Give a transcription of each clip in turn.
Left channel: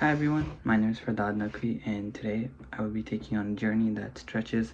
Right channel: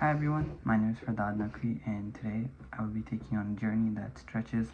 Hi everyone, my name is Mccray, and today I will be taking on a journey that stretches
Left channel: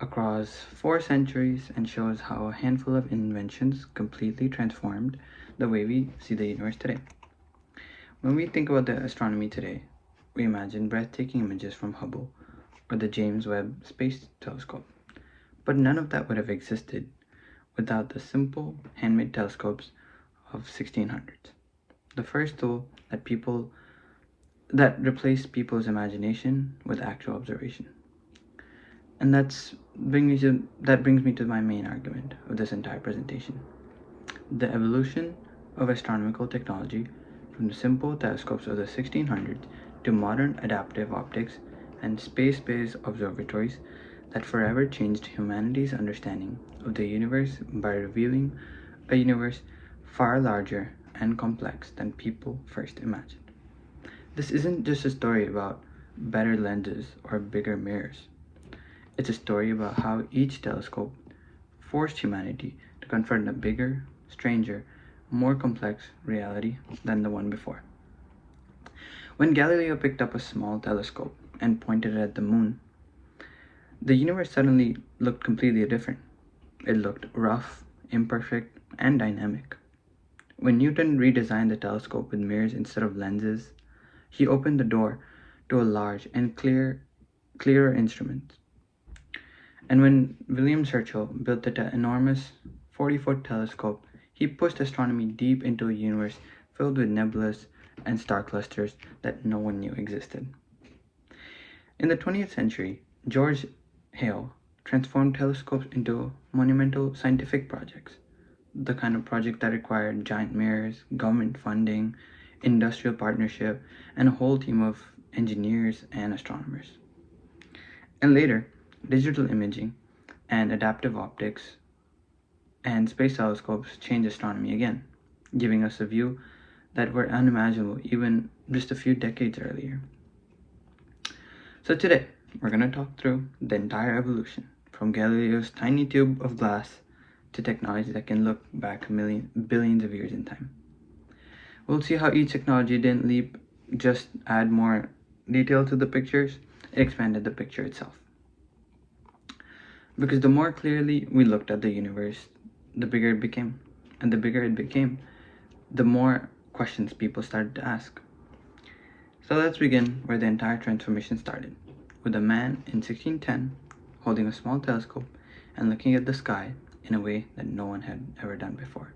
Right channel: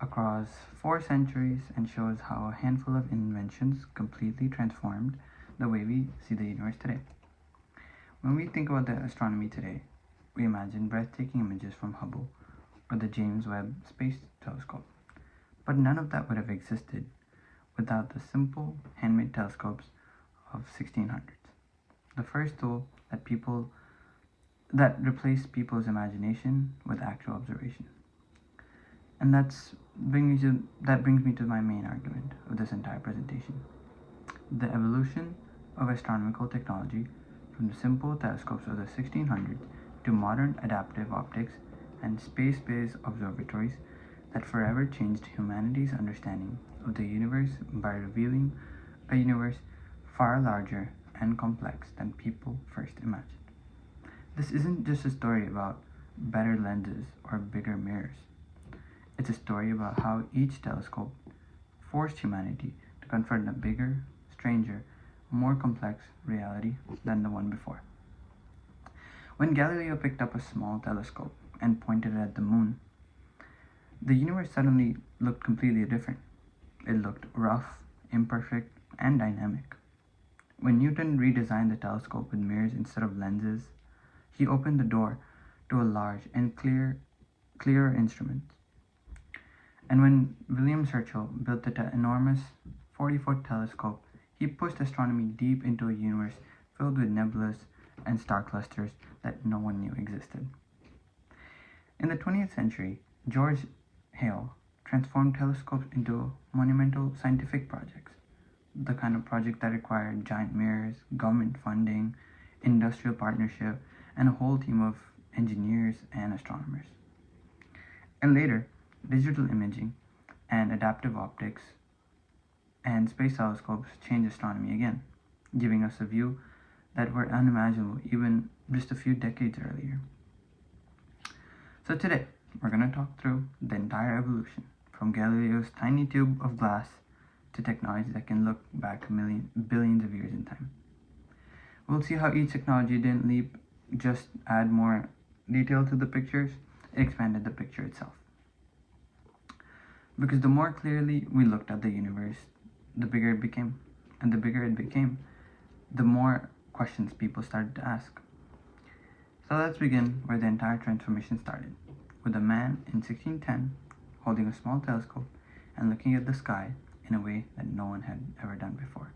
across 4 centuries and shows how a handful of inventions completely transformed the way we see the universe today. When we think about the astronomy today, we imagine breathtaking images from Hubble or the James Webb Space Telescope. But none of that would have existed without the simple handmade telescopes of 1600s. The first tool that replaced people's imagination with actual observation. And that brings me to my main argument of this entire presentation. The evolution of astronomical technology from the simple telescopes of the 1600s to modern adaptive optics and space-based observatories that forever changed humanity's understanding of the universe by revealing a universe far larger and complex than people first imagined. This isn't just a story about better lenses or bigger mirrors. It's a story about how each telescope forced humanity to confront a bigger, stranger, more complex reality than the one before. When Galileo picked up a small telescope and pointed it at the moon, the universe suddenly looked completely different. It looked rough, imperfect, and dynamic. When Newton redesigned the telescope with mirrors instead of lenses, he opened the door to a large and clearer instrument. And when William Herschel built the enormous 40-foot telescope, he pushed astronomy deep into a universe filled with nebulas and star clusters that no one knew existed. In the 20th century, George Hale transformed telescopes into monumental scientific projects, the kind of project that required giant mirrors, government funding, industrial partnership, and a whole team of engineers and astronomers. And later, digital imaging and adaptive optics and space telescopes changed astronomy again, giving us a view that were unimaginable even just a few decades earlier. So today, we're going to talk through the entire evolution, from Galileo's tiny tube of glass to technology that can look back billions of years in time. We'll see how each technology didn't just add more detail to the pictures, it expanded the picture itself. Because the more clearly we looked at the universe, the bigger it became. And the bigger it became, the more questions people started to ask. So let's begin where the entire transformation started, with a man in 1610 holding a small telescope and looking at the sky in a way that no one had ever done before.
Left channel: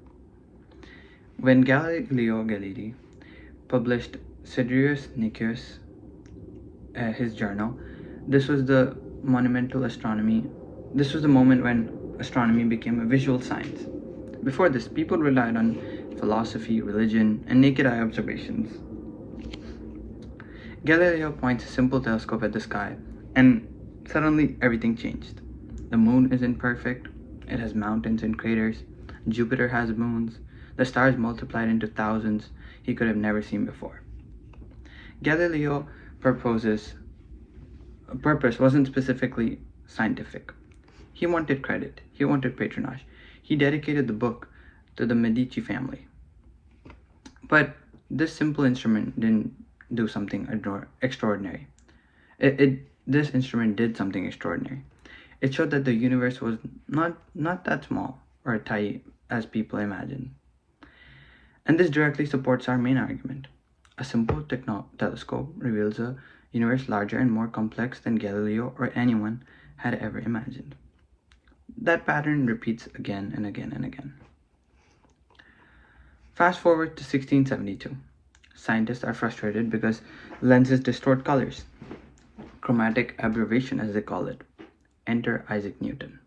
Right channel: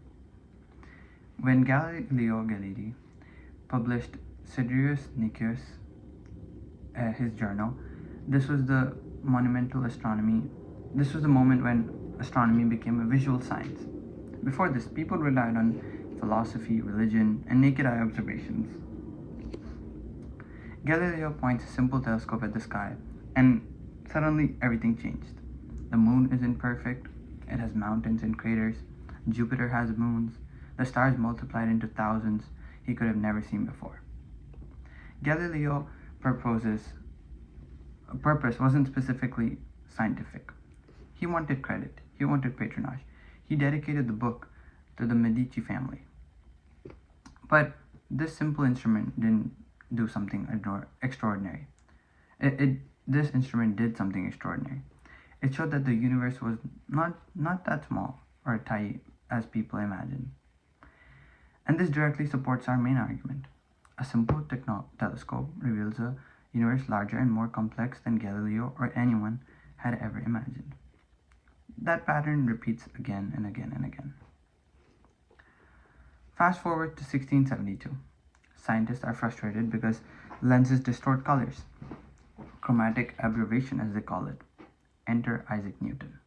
When Galileo Galilei published Sidereus Nuncius, his journal, this was the moment when astronomy became a visual science. Before this, people relied on philosophy, religion, and naked eye observations. Galileo points a simple telescope at the sky, and suddenly everything changed. The moon isn't perfect, it has mountains and craters. Jupiter has moons. The stars multiplied into thousands he could have never seen before. Galileo's purpose wasn't specifically scientific. He wanted credit. He wanted patronage. He dedicated the book to the Medici family. But this simple instrument didn't do something extraordinary. This instrument did something extraordinary. It showed that the universe was not that small or tight as people imagined. And this directly supports our main argument. A simple telescope reveals a universe larger and more complex than Galileo or anyone had ever imagined. That pattern repeats again and again and again. Fast forward to 1672. Scientists are frustrated because lenses distort colors. Chromatic aberration, as they call it. Enter Isaac Newton.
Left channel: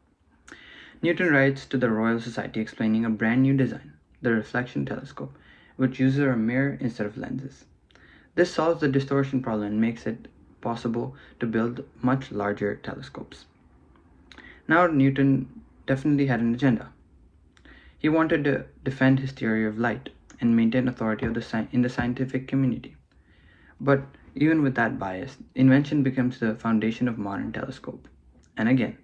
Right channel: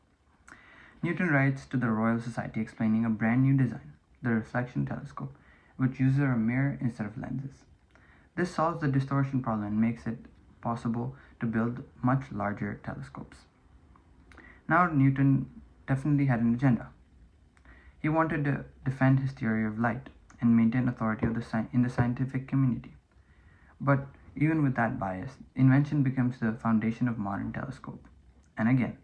Newton writes to the Royal Society explaining a brand new design, the reflection telescope, which uses a mirror instead of lenses. This solves the distortion problem and makes it possible to build much larger telescopes. Now Newton definitely had an agenda. He wanted to defend his theory of light and maintain authority in the scientific community. But even with that bias, invention becomes the foundation of modern telescope. And again,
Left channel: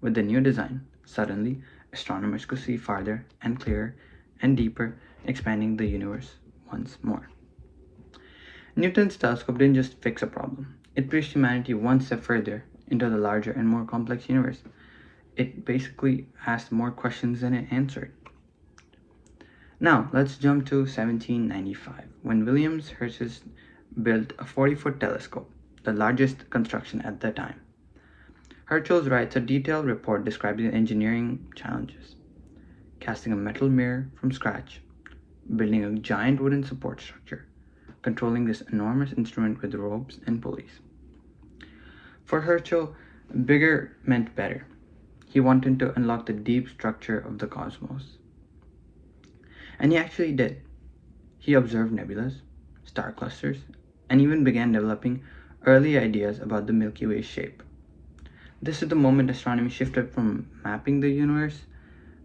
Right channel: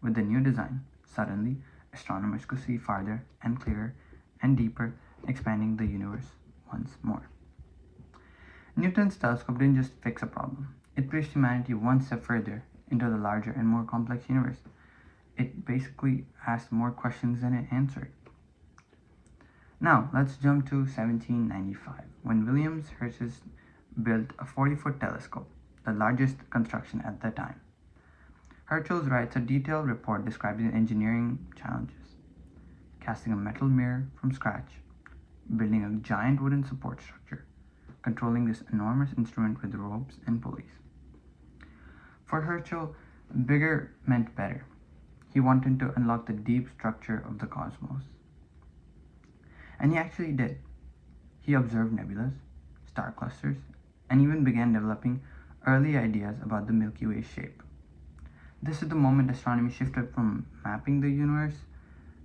with the new design, suddenly astronomers could see farther and clearer and deeper, expanding the universe once more. Newton's telescope didn't just fix a problem, it pushed humanity one step further into the larger and more complex universe. It basically asked more questions than it answered. Now, let's jump to 1795, when William Herschel built a 40-foot telescope, the largest construction at the time. Herschel writes a detailed report describing the engineering challenges: casting a metal mirror from scratch, building a giant wooden support structure, controlling this enormous instrument with ropes and pulleys. For Herschel, bigger meant better. He wanted to unlock the deep structure of the cosmos. And he actually did. He observed nebulas, star clusters, and even began developing early ideas about the Milky Way's shape. This is the moment astronomy shifted from mapping the universe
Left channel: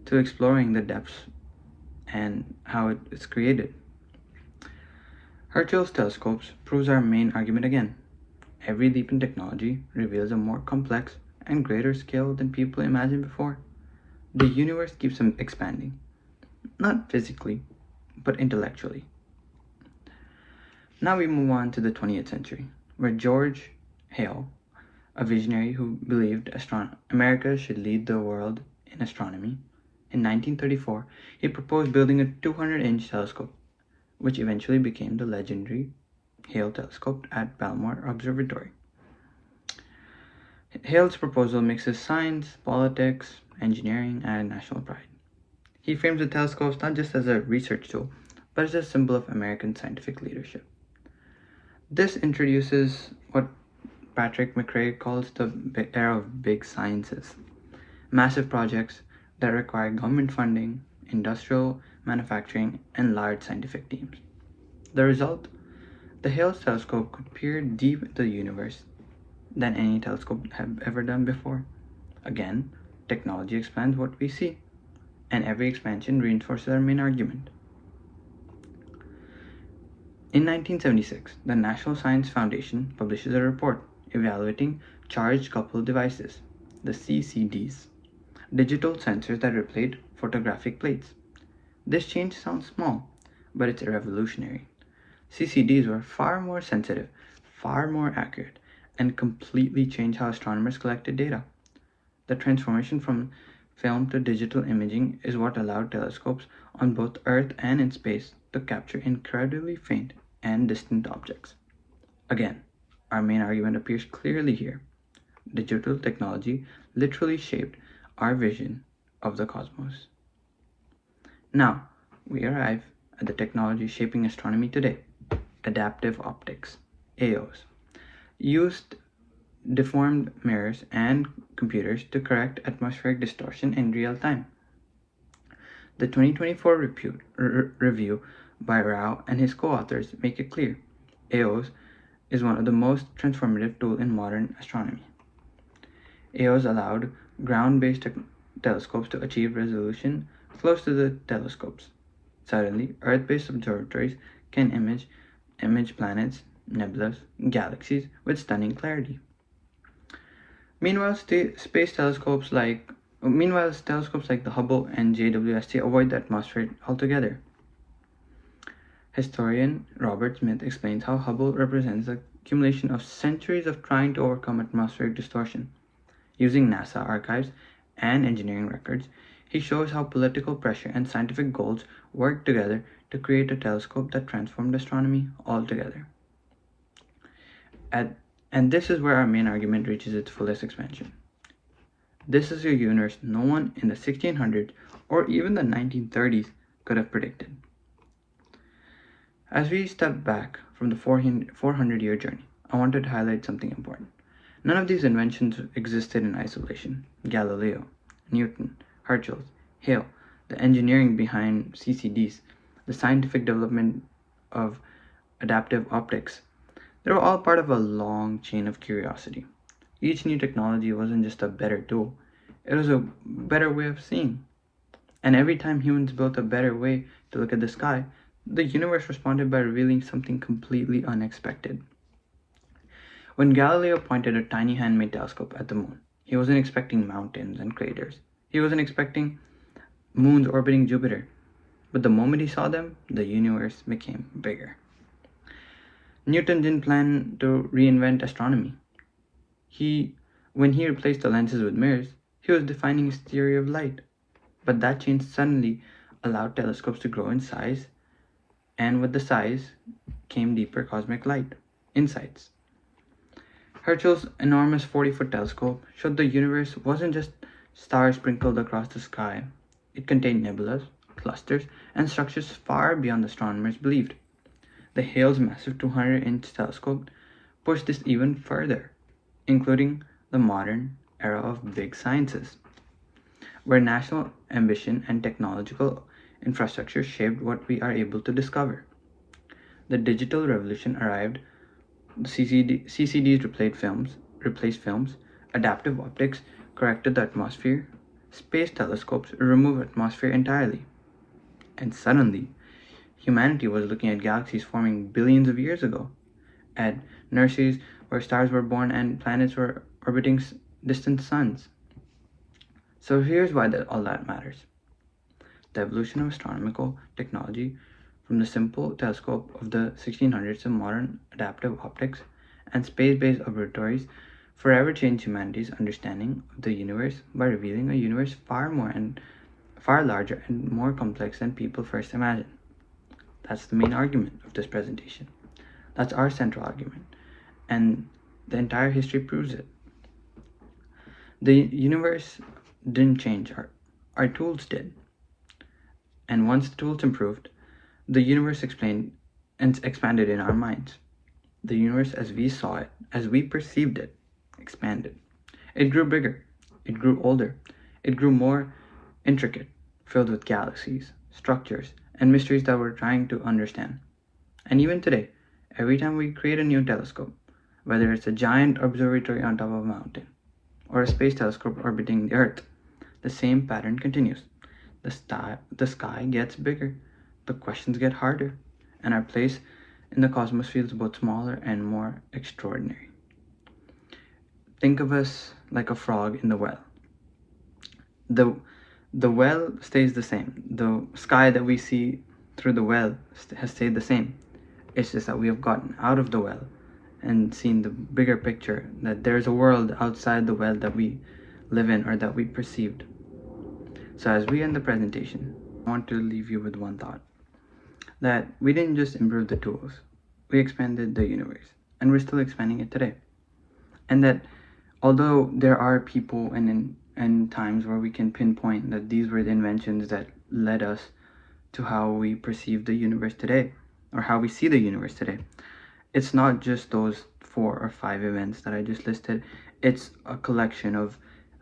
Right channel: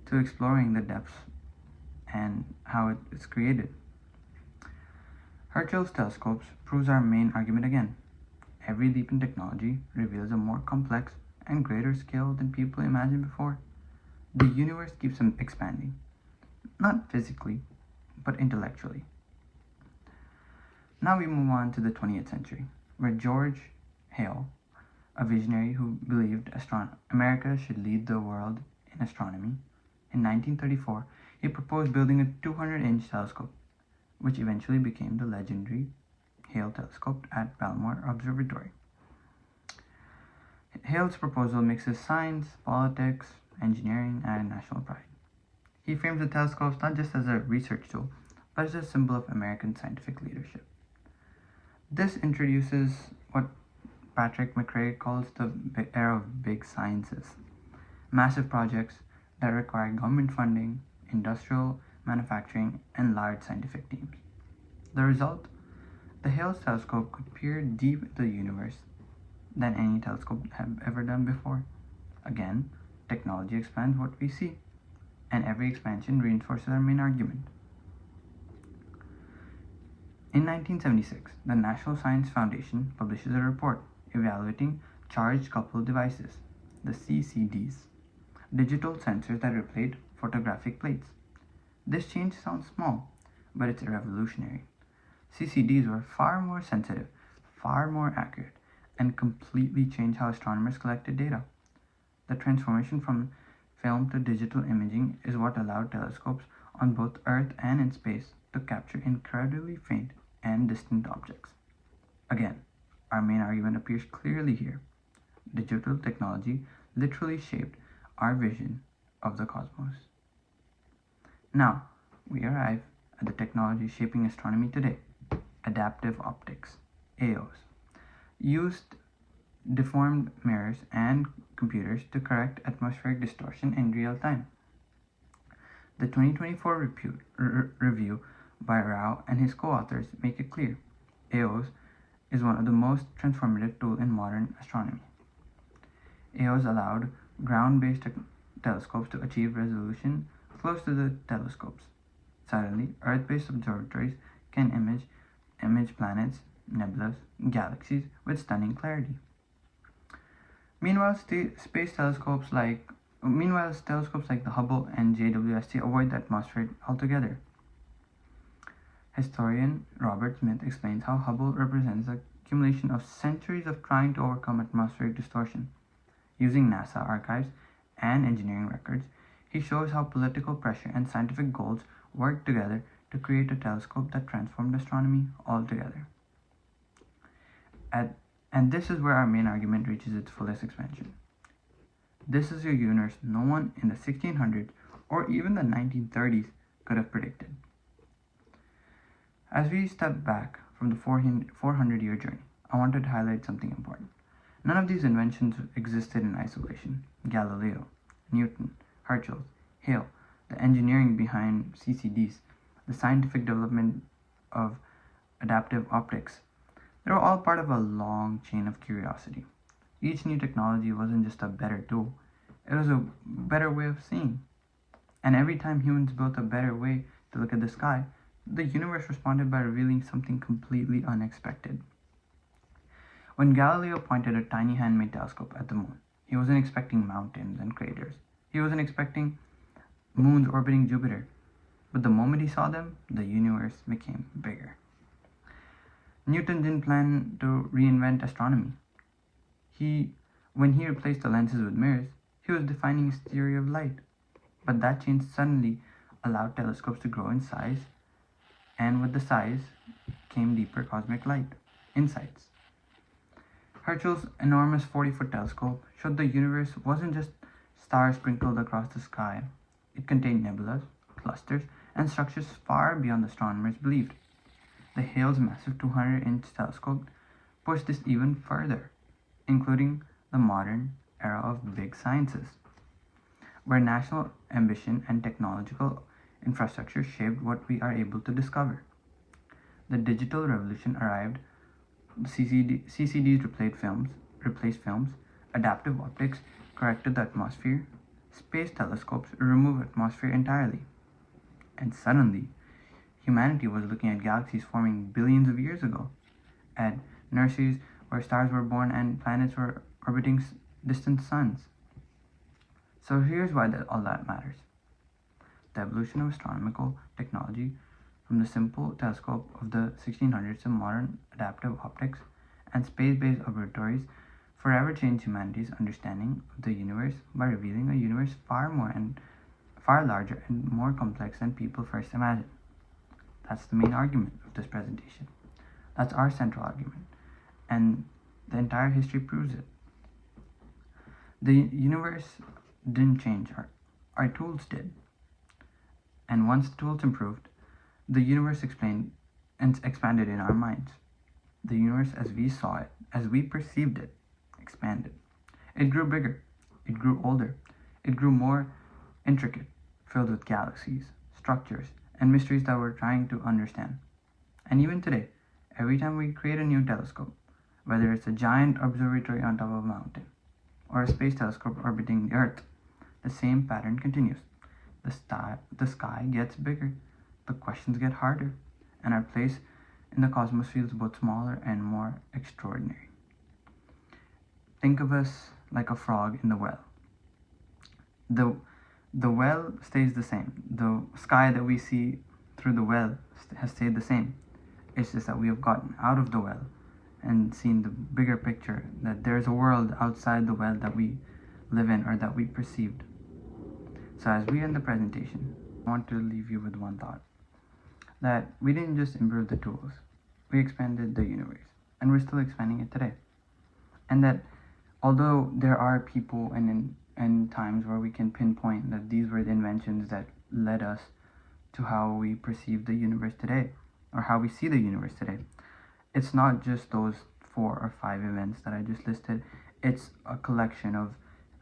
to exploring the depths and how it is created. Herschel's telescopes proves our main argument again. Every leap in technology reveals a more complex and greater scale than people imagined before. The universe keeps expanding, not physically, but intellectually. Now we move on to the 20th century, where George Hale, a visionary who believed America should lead the world in astronomy, in 1934, he proposed building a 200-inch telescope, which eventually became the legendary Hale telescope at Balmoral Observatory. Hale's proposal mixes science, politics, engineering, and national pride. He frames the telescopes not just as a research tool, but as a symbol of American scientific leadership. This introduces what Patrick Mccray calls the era of big sciences, massive projects that require government funding, industrial manufacturing, and large scientific teams. The result? The Hale telescope could peer deep into the universe than any telescope have ever done before. Again, technology expands what we see, and every expansion reinforces our main argument. In 1976, the National Science Foundation publishes a report evaluating charged coupled devices, the CCDs, digital sensors that replace photographic plates. This change sounds small, but it's revolutionary. CCDs were far more sensitive, far more accurate, and completely changed how astronomers collected data. The transformation from film to digital imaging is what allowed telescopes on both Earth and in space to capture incredibly faint and distant objects. Again, our main argument appears clearly here. Digital technology literally shaped our vision of the cosmos. Now, we arrive at the technology shaping astronomy today: adaptive optics, AOs. Used deformed mirrors and computers to correct atmospheric distortion in real time. The 2024 review by Rao and his co-authors make it clear AOs is one of the most transformative tools in modern astronomy. AOs allowed ground-based telescopes to achieve resolution close to the telescopes. Suddenly, Earth-based observatories can image planets, nebulas, galaxies with stunning clarity. Meanwhile, telescopes like the Hubble and JWST avoid the atmosphere altogether. Historian Robert Smith explains how Hubble represents the accumulation of centuries of trying to overcome atmospheric distortion. Using NASA archives and engineering records, he shows how political pressure and scientific goals worked together to create a telescope that transformed astronomy altogether. And this is where our main argument reaches its fullest expansion. This is a universe no one in the 1600s or even the 1930s could have predicted. As we step back from the 400-year journey, I wanted to highlight something important. None of these inventions existed in isolation. Galileo, Newton, Herschel, Hale, the engineering behind CCDs, the scientific development of adaptive optics, they were all part of a long chain of curiosity. Each new technology wasn't just a better tool, it was a better way of seeing. And every time humans built a better way to look at the sky, the universe responded by revealing something completely unexpected. When Galileo pointed a tiny handmade telescope at the moon, he wasn't expecting mountains and craters. He wasn't expecting moons orbiting Jupiter. But the moment he saw them, the universe became bigger. Newton didn't plan to reinvent astronomy. When he replaced the lenses with mirrors, he was defining his theory of light. But that change suddenly allowed telescopes to grow in size, and with the size came deeper cosmic light insights. Herschel's enormous 40-foot telescope showed the universe wasn't just stars sprinkled across the sky. It contained nebulas, clusters, and structures far beyond the astronomers believed. The Hale's massive 200-inch telescope pushed this even further, including the modern era of big sciences, where national ambition and technological infrastructure shaped what we are able to discover. The digital revolution arrived. The CCDs replaced films, adaptive optics corrected the atmosphere, space telescopes removed atmosphere entirely. And suddenly, humanity was looking at galaxies forming billions of years ago, at nurseries where stars were born and planets were orbiting distant suns. So here's why all that matters. The evolution of astronomical technology from the simple telescope of the 1600s to modern adaptive optics and space-based observatories forever changed humanity's understanding of the universe by revealing a universe far larger and more complex than people first imagined. That's the main argument of this presentation. That's our central argument, and the entire history proves it. The universe didn't change, our tools did. And once the tools improved, the universe expanded in our minds. The universe as we saw it, as we perceived it, expanded. It grew bigger, it grew older, it grew more intricate, filled with galaxies, structures, and mysteries that we're trying to understand. And even today, every time we create a new telescope, whether it's a giant observatory on top of a mountain or a space telescope orbiting the Earth, the same pattern continues. The sky gets bigger, the questions get harder, and our place in the cosmos feels both smaller and more extraordinary. Think of us like a frog in the well. The well stays the same. The sky that we see through the well has stayed the same. It's just that we have gotten out of the well and seen the bigger picture, that there's a world outside the well that we live in or that we perceived. So as we end the presentation, I want to leave you with one thought, that we didn't just improve the tools, we expanded the universe, and we're still expanding it today. And that although there are people and times where we can pinpoint that these were the inventions that led us to how we perceive the universe today, or how we see the universe today, it's not just those 4 or 5 events that I just listed. It's a collection of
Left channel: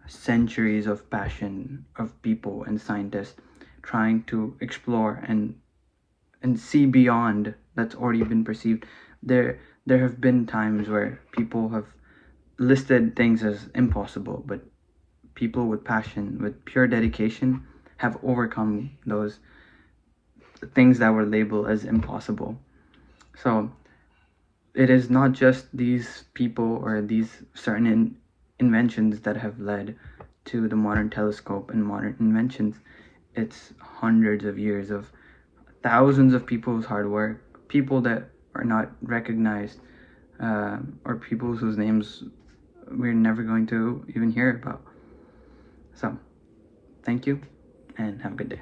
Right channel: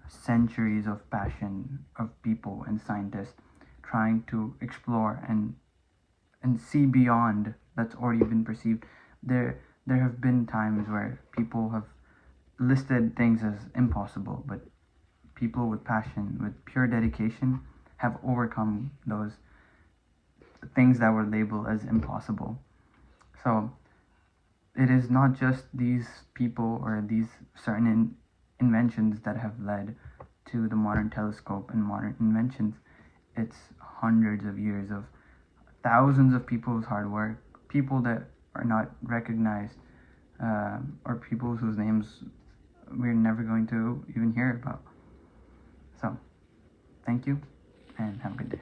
centuries of passion of people and scientists trying to explore and see beyond that's already been perceived. There have been times where people have listed things as impossible, but people with passion, with pure dedication, have overcome those things that were labeled as impossible. So it is not just these people or these certain inventions that have led to the modern telescope and modern inventions. It's hundreds of years of thousands of people's hard work, people that are not recognized, or people whose names we're never going to even hear about. So, thank you, and have a good day.